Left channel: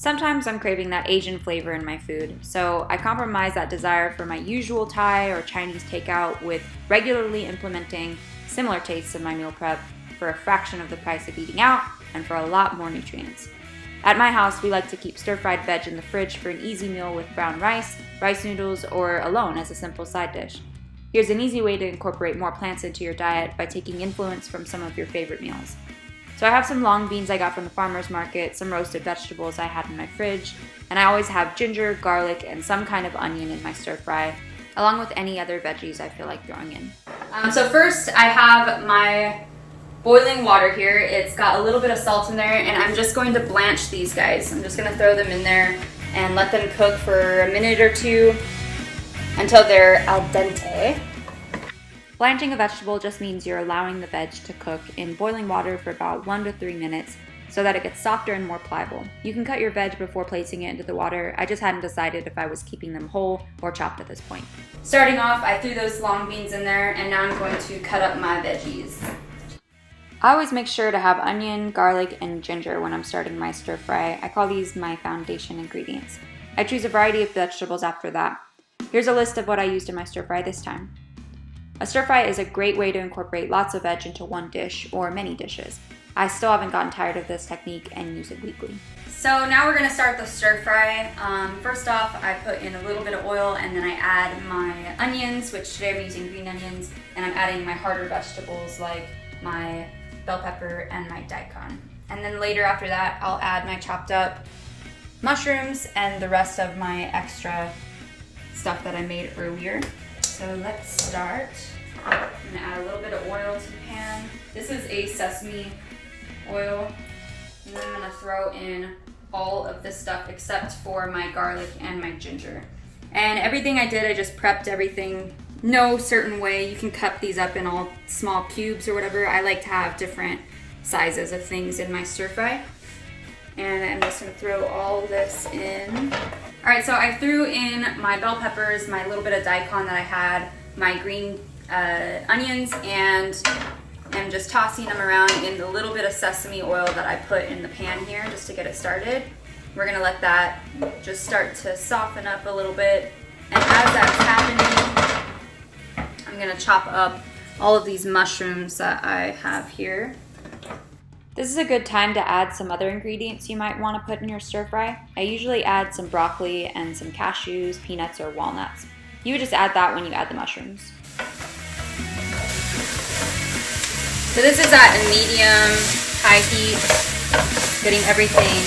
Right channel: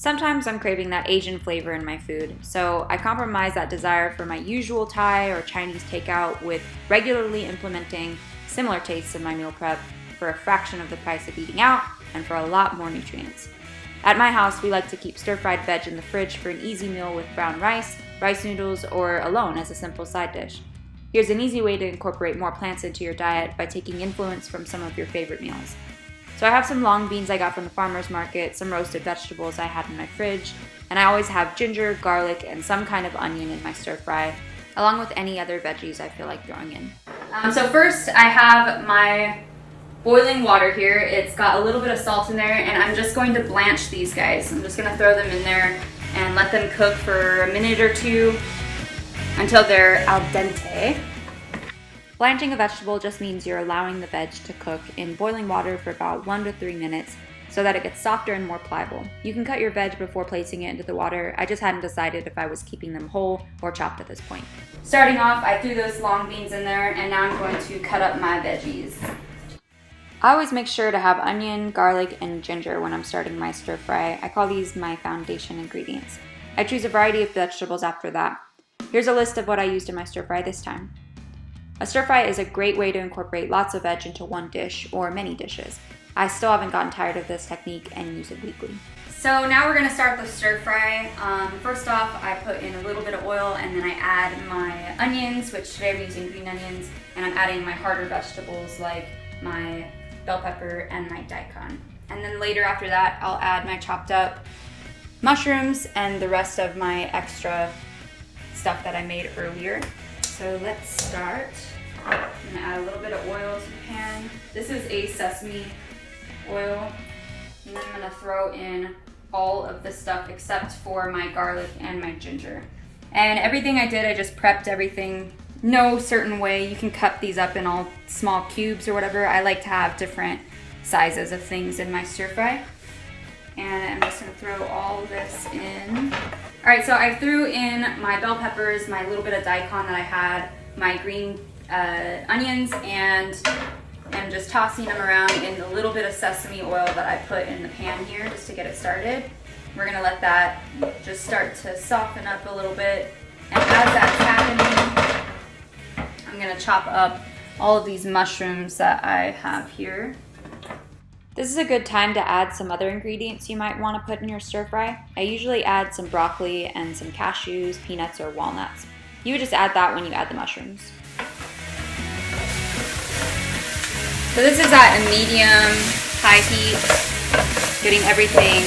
Sometimes I'm craving that Asian flavor in my food, so I compromise that desire for my usual Thai or Chinese takeout with regularly implementing similar tastes in my meal prep for a fraction of the price of eating out and for a lot more nutrients. At my house, we like to keep stir-fried veg in the fridge for an easy meal with brown rice, rice noodles, or alone as a simple side dish. Here's an easy way to incorporate more plants into your diet by taking influence from some of your favorite meals. So I have some long beans I got from the farmer's market, some roasted vegetables I had in my fridge, and I always have ginger, garlic, and some kind of onion in my stir-fry, along with any other veggies I feel like throwing in. So first I have my boiling water here. It's got a little bit of salt in there, and I'm just going to blanch these guys. I'm just going to throw them in there and let them cook for a minute or two until they're al dente. Blanching a vegetable just means you're allowing the veg to cook in boiling water for about 1 to 3 minutes so that it gets softer and more pliable. You can cut your veg before placing it into the water. I just hadn't decided if I was keeping them whole or chopped at this point. Starting off, I threw those long beans in there, and now I'm going to cut up my veggies. I always make sure to have onion, garlic, and ginger when I'm starting my stir fry. I call these my foundation ingredients. I choose a variety of vegetables after that. Here's a list of what I used in my stir fry this time. A stir fry is a great way to incorporate lots of veg into one dish or many dishes. I still haven't gotten tired of this technique and use it weekly. So now we're gonna start the stir fry. First off, I put in a little bit of oil, and then I add my onions, which today I'm using green onions, and I'm adding my harder vegetables like my bell pepper and my daikon. And then later after that, I'll add my chopped up mushrooms and the rest of my extra stuff that I made earlier. So let's start. I'm gonna add a little bit of oil to the pan. This is a sesame oil. And then I'm gonna throw in all of this stuff except for my garlic and my ginger. And everything I did, I just prepped everything no certain way. You can cut these up in all small cubes or whatever. I like to have different sizes of things in my stir fry. And I'm just gonna throw all of this in. All right, so I threw in my bell peppers, my little bit of daikon that I had, my green onions, and I'm just tossing them around in the little bit of sesame oil that I put in the pan here just to get it started. We're gonna let that just start to soften up a little bit. And as that's happening, I'm gonna chop up all of these mushrooms that I have here. This is a good time to add some other ingredients you might want to put in your stir fry. I usually add some broccoli and some cashews, peanuts, or walnuts. You would just add that when you add the mushrooms. So this is at a medium high heat, getting everything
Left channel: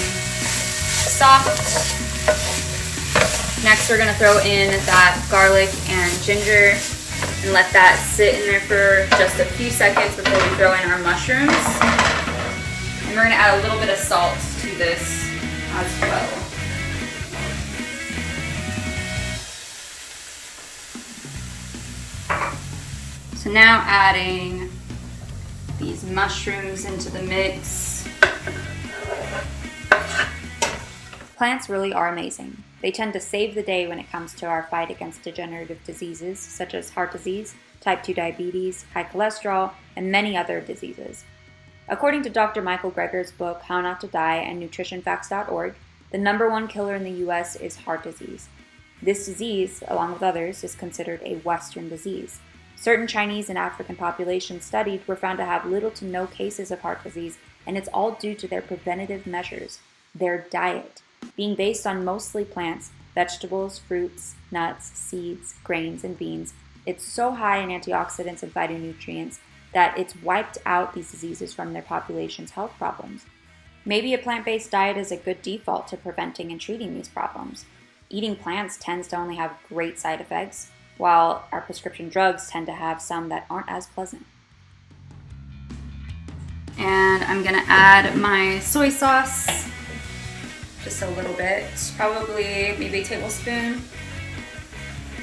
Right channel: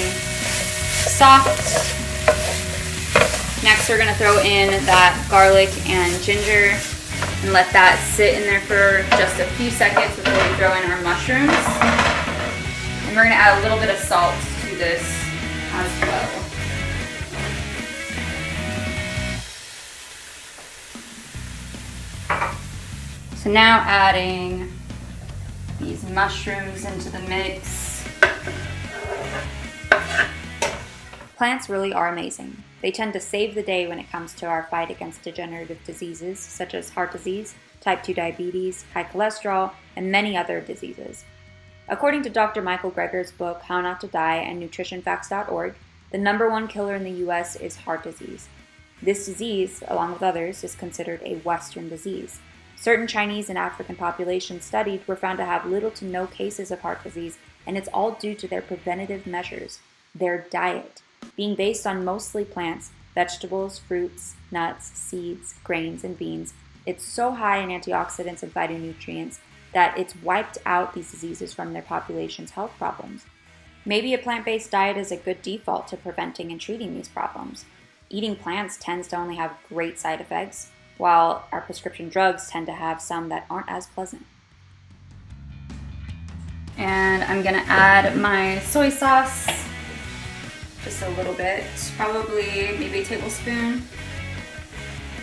soft. Next we're gonna throw in that garlic and ginger and let that sit in there for just a few seconds before we throw in our mushrooms. And we're gonna add a little bit of salt to this as well. So now adding these mushrooms into the mix. Plants really are amazing. They tend to save the day when it comes to our fight against degenerative diseases such as heart disease, type 2 diabetes, high cholesterol, and many other diseases. According to Dr. Michael Greger's book, How Not to Die, and nutritionfacts.org, the #1 killer in the US is heart disease. This disease, along with others, is considered a Western disease. Certain Chinese and African populations studied were found to have little to no cases of heart disease, and it's all due to their preventative measures, their diet, being based on mostly plants, vegetables, fruits, nuts, seeds, grains, and beans. It's so high in antioxidants and phytonutrients that it's wiped out these diseases from their population's health problems. Maybe a plant-based diet is a good default to preventing and treating these problems. Eating plants tends to only have great side effects, while our prescription drugs tend to have some that aren't as pleasant. And I'm gonna add my soy sauce, just a little bit, probably maybe a tablespoon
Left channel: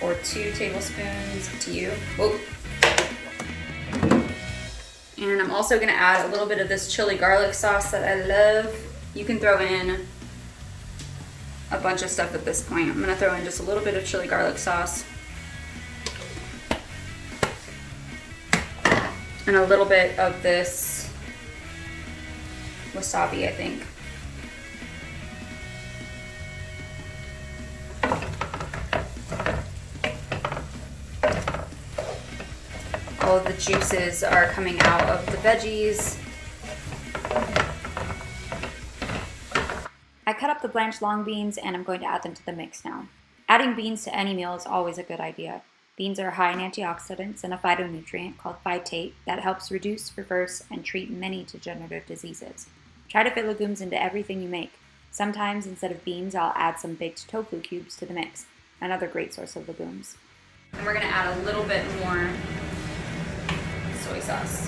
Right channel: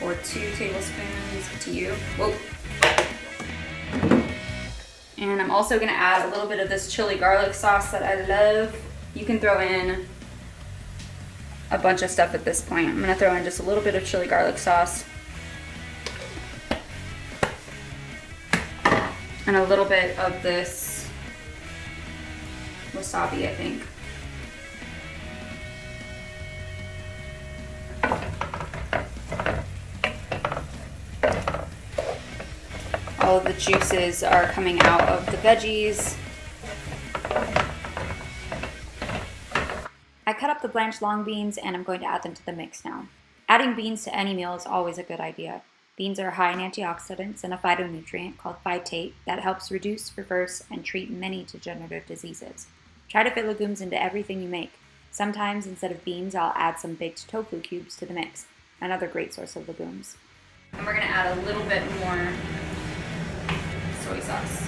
or 2 tablespoons, up to you. Whoa. And I'm also gonna add a little bit of this chili garlic sauce that I love. You can throw in a bunch of stuff at this point. I'm gonna throw in just a little bit of chili garlic sauce and a little bit of this wasabi, I think. how the juices are coming out of the veggies. I cut up the blanched long beans and I'm going to add them to the mix now. Adding beans to any meal is always a good idea. Beans are high in antioxidants and a phytonutrient called phytate that helps reduce, reverse, and treat many degenerative diseases. Try to fit legumes into everything you make. Sometimes, instead of beans, I'll add some baked tofu cubes to the mix, another great source of legumes. And we're going to add a little bit more soy sauce.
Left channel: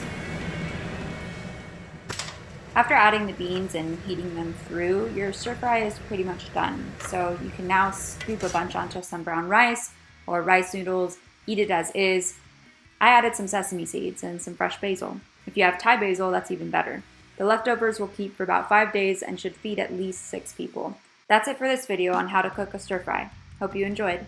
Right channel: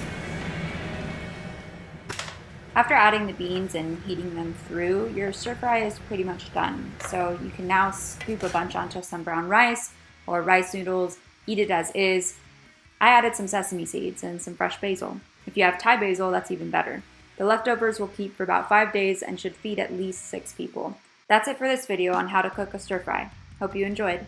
After adding the beans and heating them through, your stir fry is pretty much done. So you can now scoop a bunch onto some brown rice or rice noodles, eat it as is. I added some sesame seeds and some fresh basil. If you have Thai basil, that's even better. The leftovers will keep for about 5 days and should feed at least 6 people. That's it for this video on how to cook a stir fry. Hope you enjoyed.